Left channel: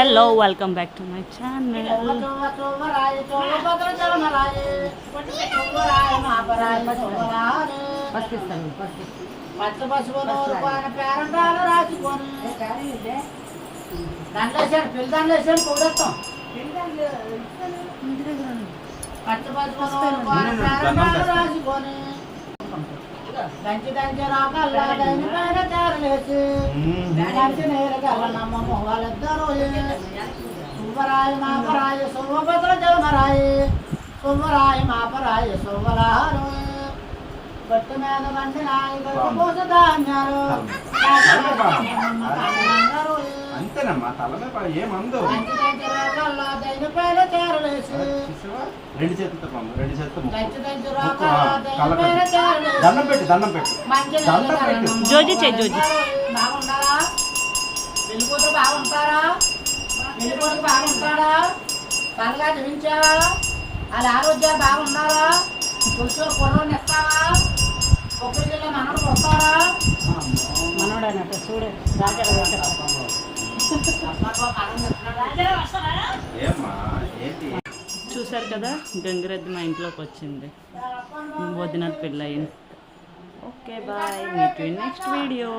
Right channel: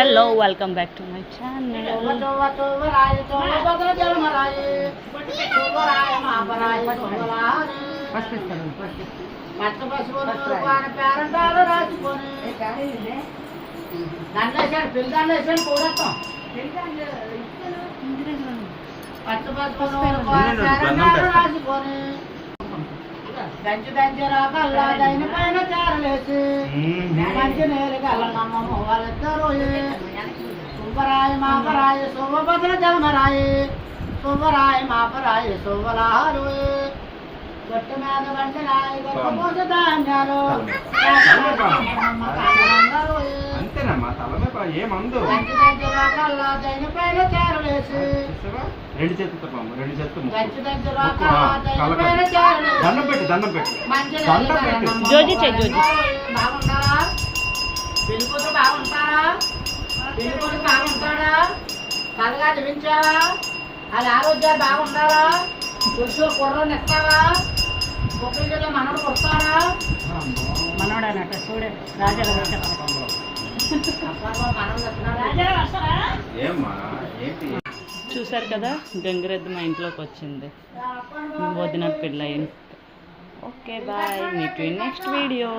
Hello welcome back to my channel. దంచి దంచి రాకల్లా దైని పైన చారలేసి దంచి నేలకల్ల నమ్మ మొంగలిద్దరు సుబ్బరాయ మాపరాయ సుబ్బభద్ర జలమరాయ సుబ్బరాయ మాపరాయ సుబ్బలారు గట్టి మీద బండి నాయ గొప్ప ధాన్యాలు అంతేనమ్మా తలమే ఏమందు దంచి దంచి రాకల్లా దైని పైన చారలేసి రెండు చేతులతో పమ్ము రెండు చేతులతో దంచి దంచి రాకల్లా దైని పైన చారలేసి దండం పెట్టి దండం పెట్టి దండం పెట్టి జోజి చెయ్యి జోజి. బాగుంటారా పెళ్ళికూతురు బాగుంటారా పెళ్ళికూతురు బాగుంటాడా బాగా జీవించావా వాళ్ళ ఆరోగ్యాలు బాగుంటారా తులసూరు కుర్రోని ఇస్తావా బొబ్బిలి జిల్లా మనవడు వస్తారా మనోడనట చూడే రాజారావు ఏమ్మా ఏంటి చూసారు కదా, గంగిరెద్దు మా ఇంట్లోకి వచ్చింది. వదిన పిల్ల. Okay bye, meet you next video.